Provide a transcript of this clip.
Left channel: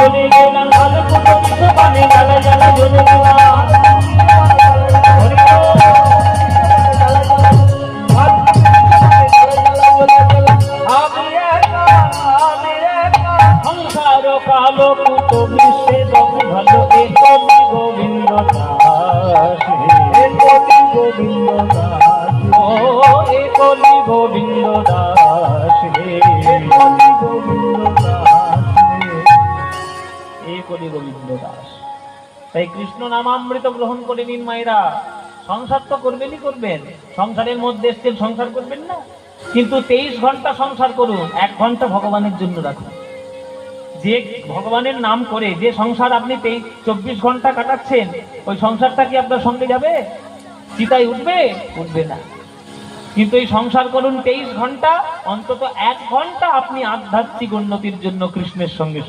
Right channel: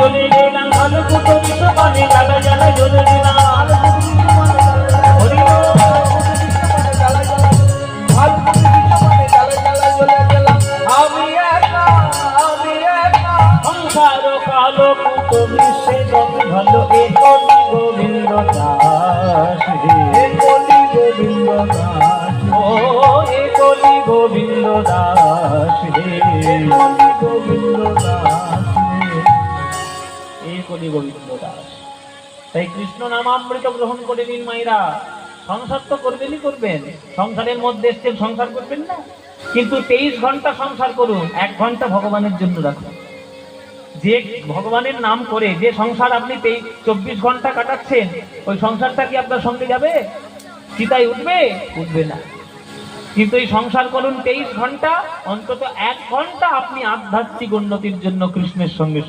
চলে গেলাম ভালো কুটো বিশ্বপানে জ্বালা জ্বালা জ্বলে গেলাম সংসার কালো কুটো বিশ্বে ভালো এ কবি গোবিন্দ দাস এ কবি গোবিন্দ দাস ও এ কবি গোবিন্দ দাস হে গোবিন্দ দাস এ কবি গোবিন্দ দাস। তাই কৃষ্ণ নামামৃত গ্রহণ করে নিন মায়েরা। সংসার তো করবেনই করবেন, সংসারের মধ্যে এসছেন সংসার করবেন না, কিন্তু 23 ঘন্টা সংসার করুন, 1 ঘন্টা ভগবানের জন্য রাখুন। যে ভগবানের নাম করে যে সংসার আপনি 24 ঘন্টা কাটাচ্ছেন, ওই সংসারটা কি আপনার সঙ্গে যাবে? চিতায় উঠবে? উঠবে না। কিন্তু এই সংসার করুন 23 ঘন্টা, অন্তত 1 ঘন্টা আপনি আধ্যাত্মিক উন্নতির জন্য কৃষ্ণের সঙ্গে